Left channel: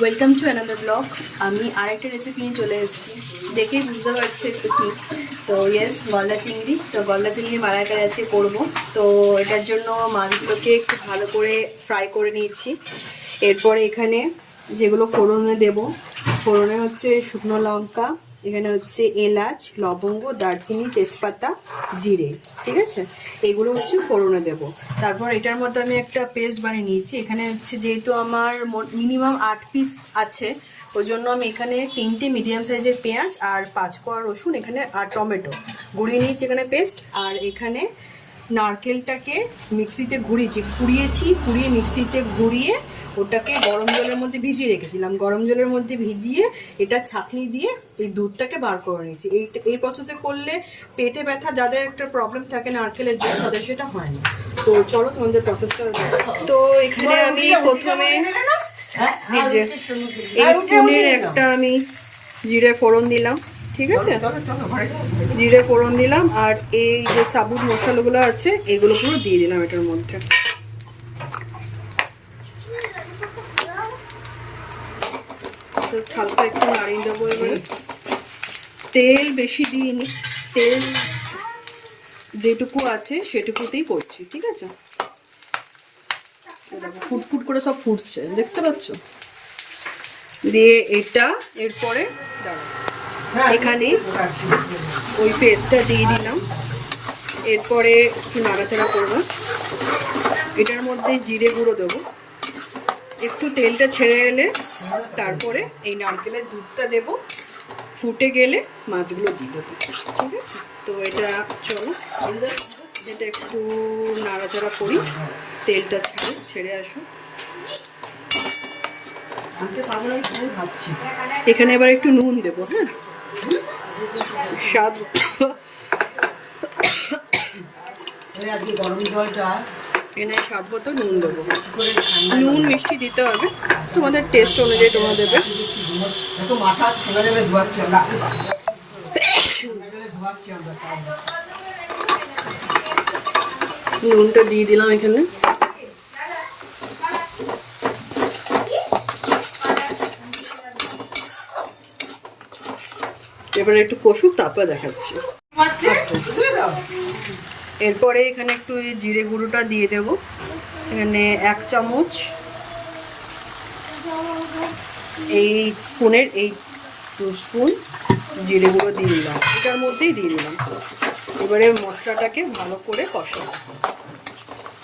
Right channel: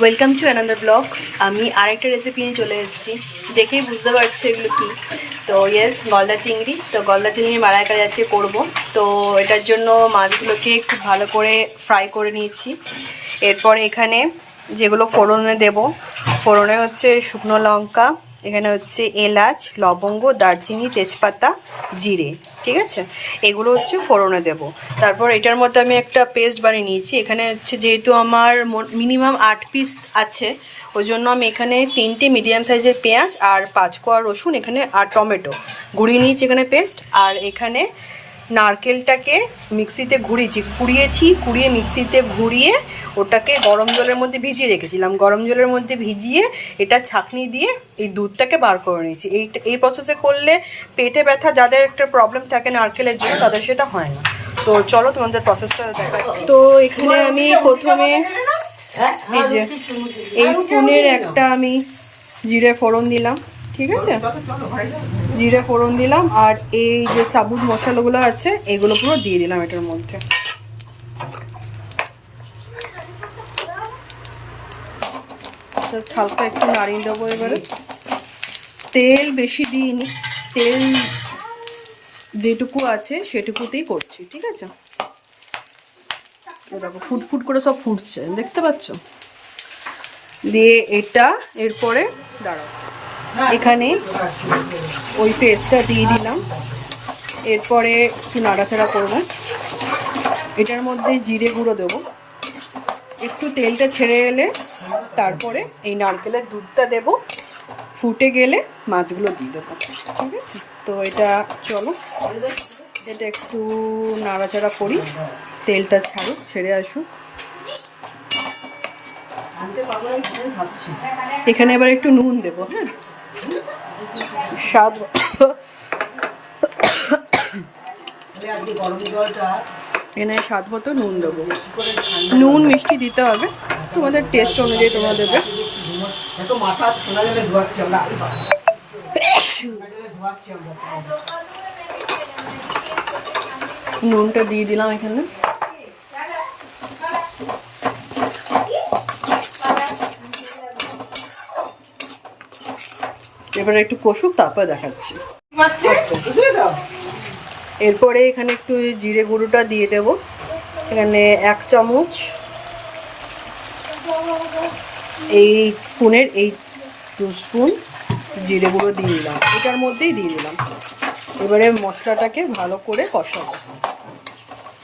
Welcome to another blog. আমি আরেকটা recipe নিয়ে চলে এসেছি, দেখেই বুঝতে পারছো এগুলো কি। তো ইয়েস, গলদা চিংড়ি। তো গলদা চিংড়ি মালাইকারি আজকে করব। তো এটার জন্য মাছগুলোকে খুব ভালো করে ফ্রাই করে নিয়েছি। এরপরে এখানে যেগুলো ফোড়নে দেব, ফোড়নে হচ্ছে শুকনো লঙ্কা, এখানে হচ্ছে এলাচ, লবঙ্গ, দারচিনি, তেজপাতা, জিরে, ঠিক আছে, এগুলো হচ্ছে ফোড়নে দেব। তারপর এটার মধ্যে আমি একটা পেস্ট বানিয়ে নিয়েছি। এখানে হচ্ছে যেহেতু আমার মিনিমাম 8 পিস আছে, ওই জন্য আমি এখানে 3টে মিডিয়াম সাইজের পেঁয়াজ আর 5 কোয়া রসুন এখানে আর টমেটো গুঁড়িয়ে নিয়েছি এখানে পেস্ট। আর এখানে নারকেলটাকে মিক্সিতে কুড়িয়ে মিক্সিতে ঘুরিয়ে ওটাকে গরম জলের মধ্যে ভিজিয়ে রেখেছিলাম। গরম জলের মধ্যে ভিজিয়ে এটা ছাঁকনি দিয়ে এই দুধটাকে বার করে নিয়েছি। এই প্রসেসে করলে পেটে ব্যথা যাদের একটা প্রবলেম থাকে নারকেলের জন্য, তাদের সেটা হয় না। তো চলো তোমাদের প্রসেসটা দেখাচ্ছি। তো এখানে আমি প্রথমে এই স্পুনের একটা আমি জিরে ফোড়ন দিলাম, ঠিক আছে, জিরে ফোড়ন দিলাম। আর এই যে সাবুত মশলাগুলো আছে এগুলো পুরো দিয়ে দিলাম এটার মধ্যে। হালকা একটু নাড়িয়ে দেবো। এবারে তেল বেশি দিইনি, তেল যেটুকু আছে সেটুকুতেই করছি, ঠিক আছে। দেখো ফুটফুট করে সব ফুটছে, দেখতে পাচ্ছ। দিয়ে এটা এরপরে দাঁড়াও, এখানে ওই পেস্টটা দিয়ে দিলাম। এরপরে একটু নাড়াচাড়া করব। এটার মধ্যে জিরে গুঁড়ো দেবো। একটু তেলটা ছেড়ে এলে তারপরে এই নারকেলের দুধটা দেব। ফুটে গেলে মাছগুলো দিয়ে দেবো, ঠিক আছে। তো এটা চলো, এটা একটু নাড়াচাড়া করি, তেলটা ছেড়ে আসুক। এখানে এবার একটু নুন দেবো, হ্যাঁ, স্বাদ স্বাদ মতো নুন দেবো। নুন মিষ্টি দিতে হবে, তোমাদের টেস্ট অনুযায়ী তোমরা দেবে। নুনটা দিয়ে দিলাম এখানে। এবারে একটু কষুক, তারপরে দেখাচ্ছি। এরপরে এখানে একটু জিরে গুঁড়োটা দিয়ে দেব। এখানে 1 চামচ এই স্পুনের 2 স্পুন জিরে গুঁড়ো দিয়ে দিলাম, এটার মধ্যেই দিয়ে দিলাম। এবারে মশলাটাকে ভালো করে কষাবো,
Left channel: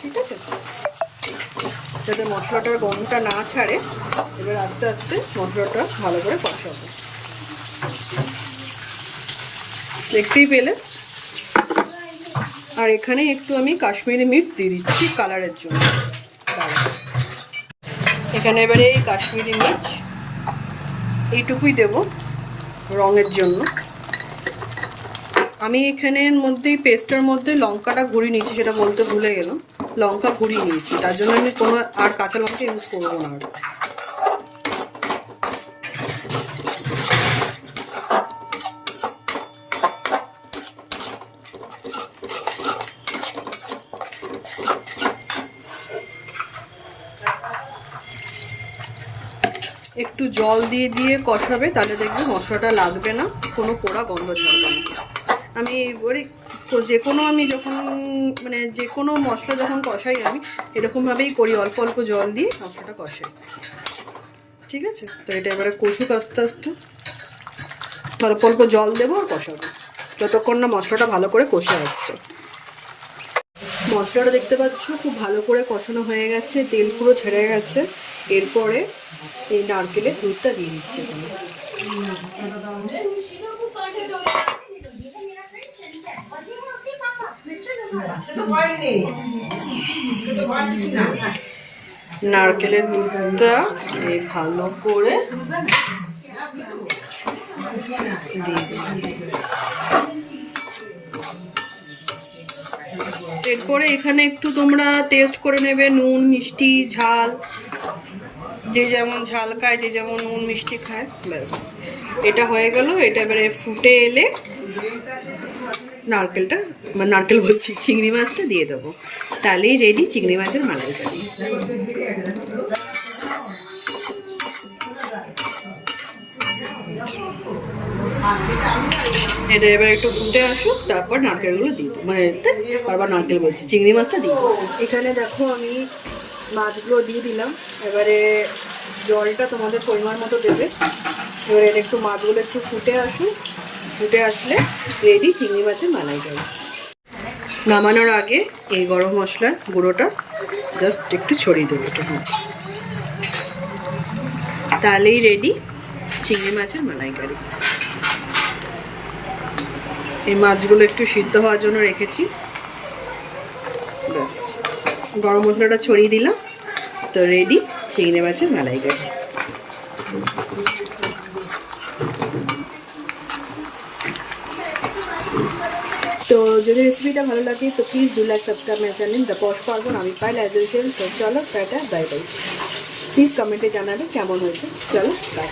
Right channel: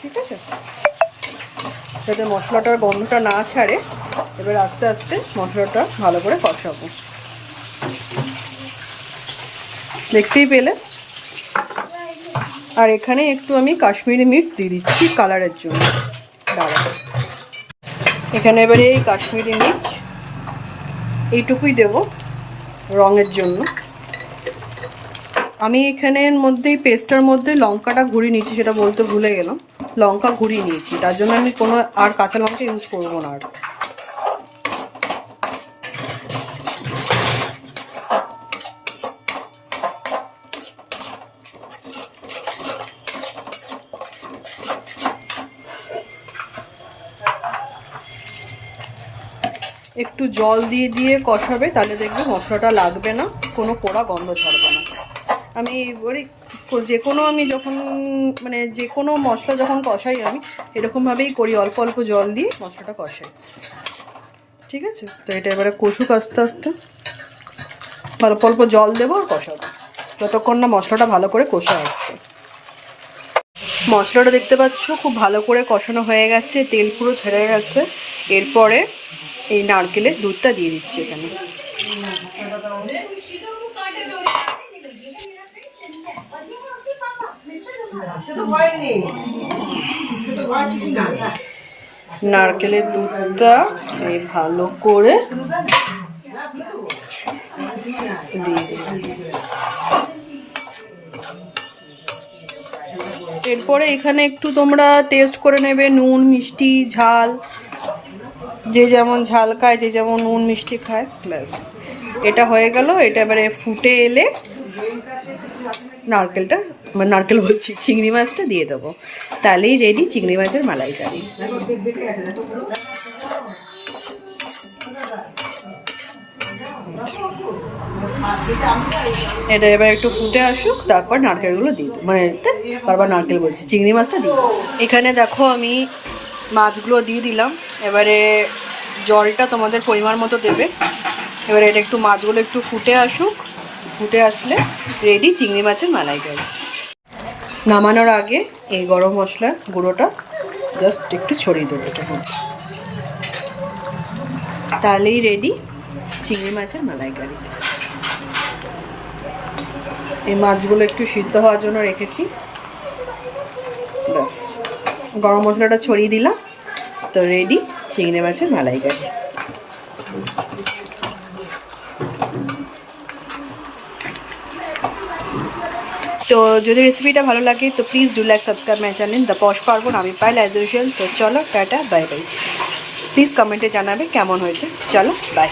ঠিক আছে, যাতে মশলাটার গন্ধটা না ছাড়ে। এবার আস্তে আস্তে মশলাটা ভালো করে কষাবো, দেখতেই পেলে। আর এখানে একটু আমি কাশ্মীরি মির্চ দিয়ে দিচ্ছি কালারের জন্য। দাঁড়া, এখানে এবারে এই কাশ্মীরি মির্চ এইটুকুই দেব রঙের জন্য। আমি এখানের মধ্যেই পেস্টটার মধ্যে লঙ্কাটা ঘুরিয়ে নিয়েছি, সেটা বলতে ভুলে গেলাম। লঙ্কা ঘুরিয়ে নিয়েছি, তার জন্য আমি কোনো আর কাঁচা লঙ্কা ইউজ করবো না। আর একটু জল দিয়ে দিয়ে কষাবে, তাহলে দেখবে মশলাটা লাগবে না, কোনো পোড়া গন্ধ ছাড়বে না। আমি যে কোনো মশলা যখন কষাই আমি এরকমভাবেই করি, অল্প অল্প জল দিয়ে মশলাটা কষাই, ঠিক আছে। তো এটা এবারে কষুক আস্তে আস্তে, অল্প অল্প জল দেবো আর কষাবো যতক্ষণ না মশলাটা ভালো করে কষে আসছে। মশলাটা দেখতে পাচ্ছ খুব ভালো করে কষানো হয়ে গেছে, তেল পুরো ছেড়ে গেছে। এরপরে এই নারকেলের দুধটা দিয়ে দিচ্ছি এখানে। নারকেলের দুধটা এই ভালো করে দিয়ে দিলাম। এরপরে এখানে একটু তোমরা টেস্ট করে নেবে, নুন মিষ্টি ঝাল, যে যেমন ঝাল খায়, যে যেমন নুন মিষ্টি খায়, ব্যাস। এটা হয়ে গেল। এটা এবারে ফুটে এলে নারকেল বলছি, চিংড়ি মাছটা দিয়ে দেবো, তাহলেই রেডি চিংড়ি মাছের মালাইকারি। এটা এবার একটু ফুটে আসুক, তারপর নারকেলগুলো দিয়ে দেবো, মানে বারবার নারকেল বলছি, চিংড়ি মাছটা দিয়ে দেবো। এখানে দেখো আমি মাছগুলো দিয়ে দিলাম। এবারে জলটা তোমাদের পরিমাণ মতো দেবে। এবারে এটা একটু মাছগুলো একটু ফুটে আসুক, ফুটে আসলে রেডি চিংড়ি মাছের মালাইকারি। নামানোর আগে এই গরম মশলার গুঁড়োটা জাস্ট একটু ছড়িয়ে দেবো এটার মধ্যে, তাহলেই রেডি চিংড়ি মাছের মালাইকারি। এই মাছগুলো একটু সিদ্ধ হওয়ার জন্য রেখেছি, ব্যাস গরম মশলাটা ছড়িয়ে দিলাম, তো রেডি চিংড়ি মাছের মালাইকারি। তো যদি রেসিপিটা ভালো লাগে তো please do like subscribe my channel the Poush Parbon. আমি পাইল অ্যাজ ইউজুয়াল। তো চলো টাটা বাই বাই। প্লিজ কমেন্টে জানাবে কেমন হয়েছে। চলো বাই।